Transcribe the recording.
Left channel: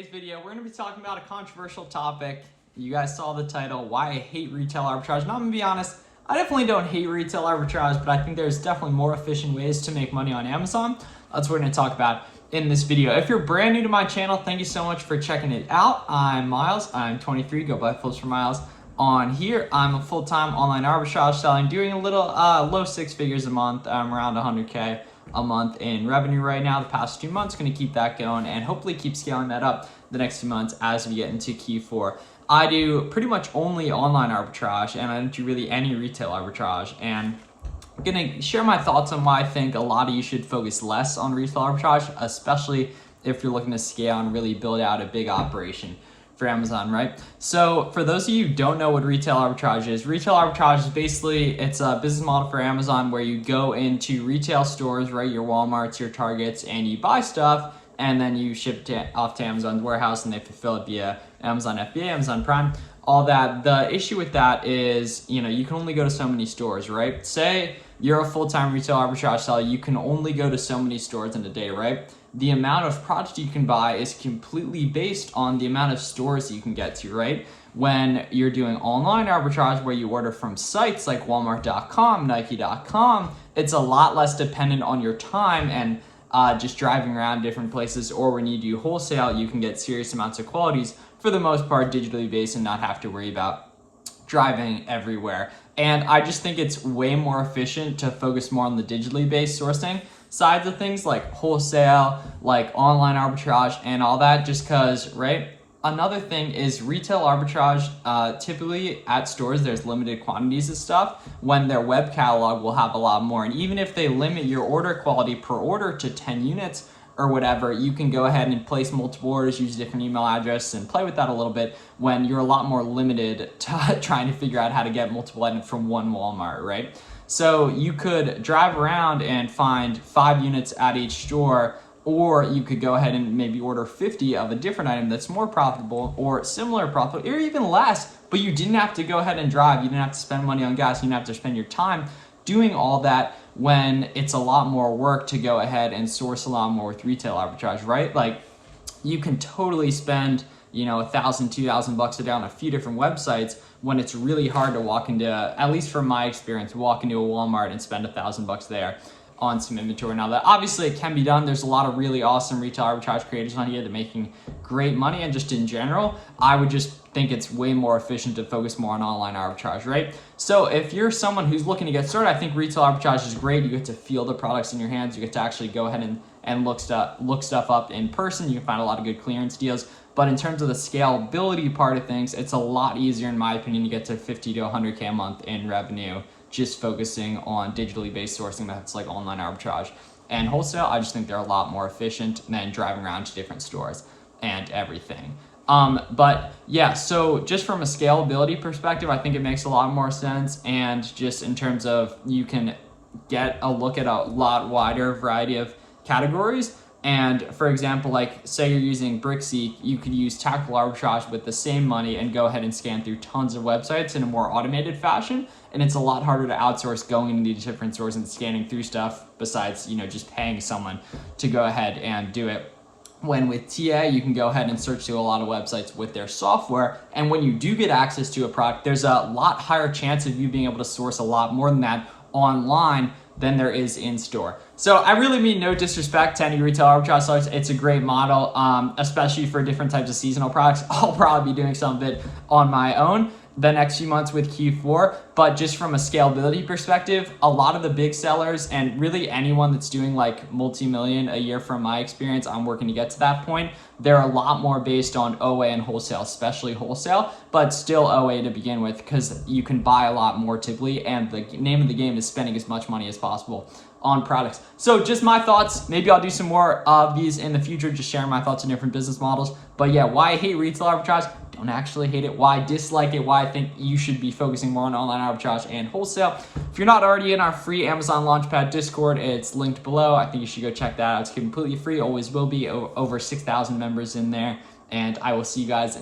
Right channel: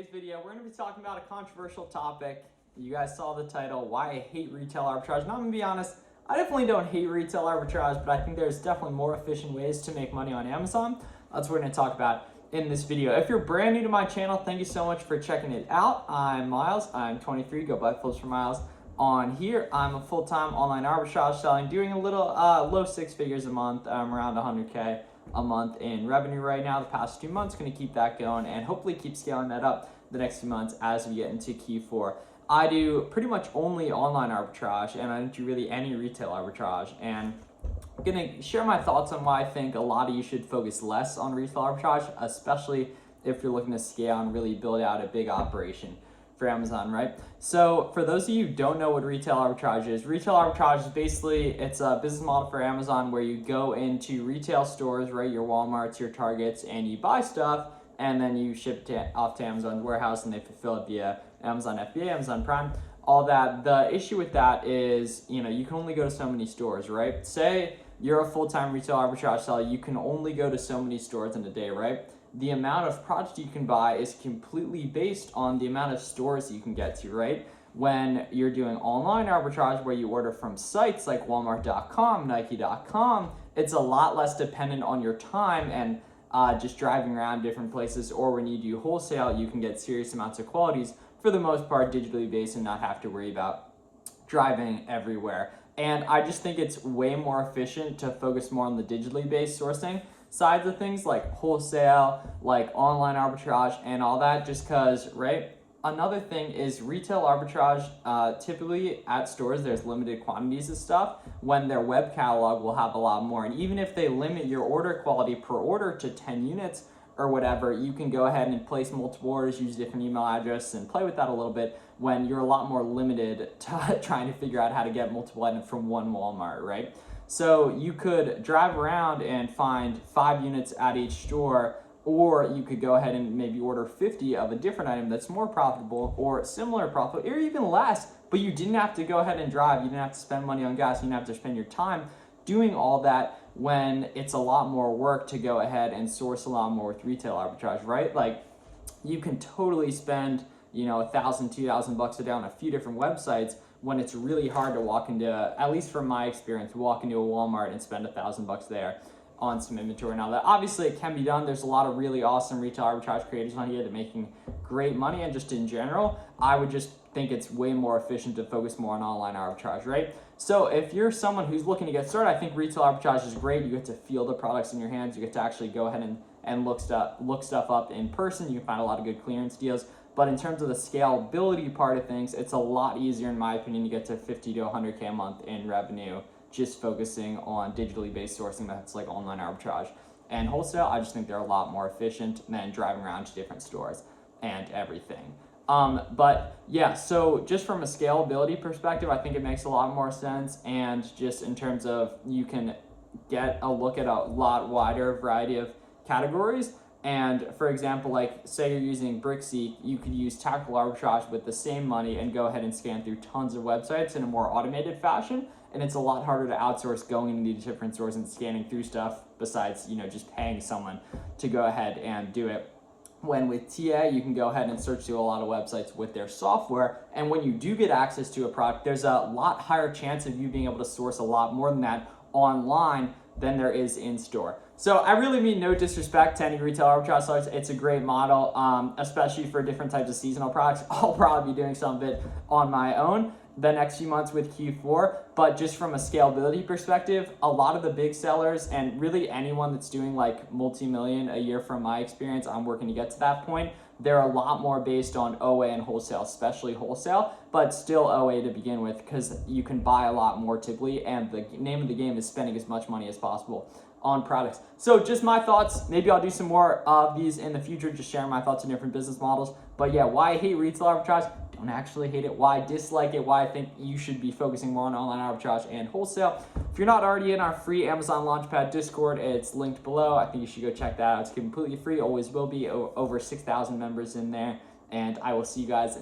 today's video, we're going to be talking about a controversial topic. You guys saw the title, why I hate retail arbitrage. And I'm going to be honest, I definitely don't hate retail arbitrage, but I think there's definitely more efficient ways to make money on Amazon. That's what we're going to talk about in this video. If you're brand new to my channel, thank you so much for checking it out. I'm Miles, I'm 23, go by Flips for Miles. On here, I'm a full-time online arbitrage selling, doing a little low six figures a month. I'm around 100K a month in revenue right now. The past 2 months, going to keep that going and hopefully keep scaling that up the next 2 months as we get into Q4. I do pretty much only online arbitrage, and I don't do really any retail arbitrage. And I'm gonna share my thoughts on why I think a lot of you should focus less on retail arbitrage, especially if you're looking to scale and really build out a big operation for Amazon, right? So for those of you who don't know what retail arbitrage is basically, it's a business model for Amazon where you go into retail stores, right, your Walmarts, your Targets, and you buy stuff, and then you ship it off to Amazon's warehouse and they fulfill it via Amazon FBA, Amazon Prime, all that. The issue with that is, you can only go to so many stores, right? Say you're a full-time retail arbitrage seller, you can only go to so many stores in a day, right? The amount of product you can buy is completely based on the amount of stores you can get to, right? When you're doing online arbitrage where you order from sites like Walmart.com, Nike.com, it's a lot less dependent on your time and just driving around different places, or when you do wholesale, you can get serious amounts of qualities, for the most part digitally based, and not have to worry about driving everywhere. And I just think it's way more efficient to focus more on the digitally based sourcing sides of things, like wholesale, like online arbitrage and all that, just because, right? Another thing is retail arbitrage, typically at stores, there's limited quantities of stuff, when their web catalog will have a lot more. And even if they limit your order quality per order to 10 units or whatever, you can go ahead and place multiple orders, use different email addresses, and play with that a little bit when you're a lot more limited to trying to figure out how to get multiple items from one Walmart, right? So you could drive around and find 5 units at each store, or you could go ahead and maybe order 50 of a different item that's more profitable or similar profitable, or even less, but you didn't have to go ahead and drive. You didn't have to spend money on gas. You didn't have to spend your time doing all that, when it's a lot more work to go ahead and source a lot more with retail arbitrage, right? Like, you can totally spend, $1,000, $2,000 a day on a few different websites, when it's really hard to walk into, at least from my experience, walk into a Walmart and spend $1,000 there on some inventory. Now, that obviously it can be done. There's a lot of really awesome retail arbitrage creators on here that are making great money, and just in general, I would just think it's way more efficient to focus more on online arbitrage, right? So if you're someone who's looking to get started, I think retail arbitrage is great. You get to feel the products in your hands. You get to actually go ahead and look stuff up in person. You can find a lot of good clearance deals. But in terms of the scalability part of things, it's a lot easier, in my opinion, to get to 50 to 100K a month in revenue, just focusing on digitally based sourcing that's like online arbitrage. And wholesale, I just think they're a lot more efficient than driving around to different stores and everything. But yeah, so just from a scalability perspective, I think it makes a lot more sense. And just in terms of, you can get a look at a lot wider variety of categories. And for example, like say you're using Brickseek, you could use tactical arbitrage with the same money and go ahead and scan through tons of websites in a more automated fashion. And it's a lot harder to outsource going into these different stores and scanning through stuff, besides, just paying someone to go ahead and do it. When with TA, you can go ahead and search through a lot of websites with their software. And when you do get access to a product, there's a lot higher chance of you being able to source a lot more than that online than there is in store. So I really mean no disrespect to any retail arbitrage sellers. It's a great model, especially for different types of seasonal products. I'll probably be doing some of it on my own the next few months with Q4, but just from a scalability perspective, a lot of the big sellers, and really anyone that's doing like multi-million a year, from my experience, I'm working to get to that point, they're a lot more based on OA and wholesale, especially wholesale, but still OA to begin with, because you can buy a lot more typically, and the name of the game is spending as much money as possible on products. So just my thoughts. Maybe I'll do some more of these in the future, just sharing my thoughts on different business models. But yeah, why I hate retail arbitrage? Don't actually hate it. Why I dislike it? Why I think you should be focusing more on online arbitrage and wholesale. If you're not already in our free Amazon Launchpad Discord, it's linked below. I think you should go check that out. It's completely free, always will be. Over 6,000 members in there, and I will see you guys in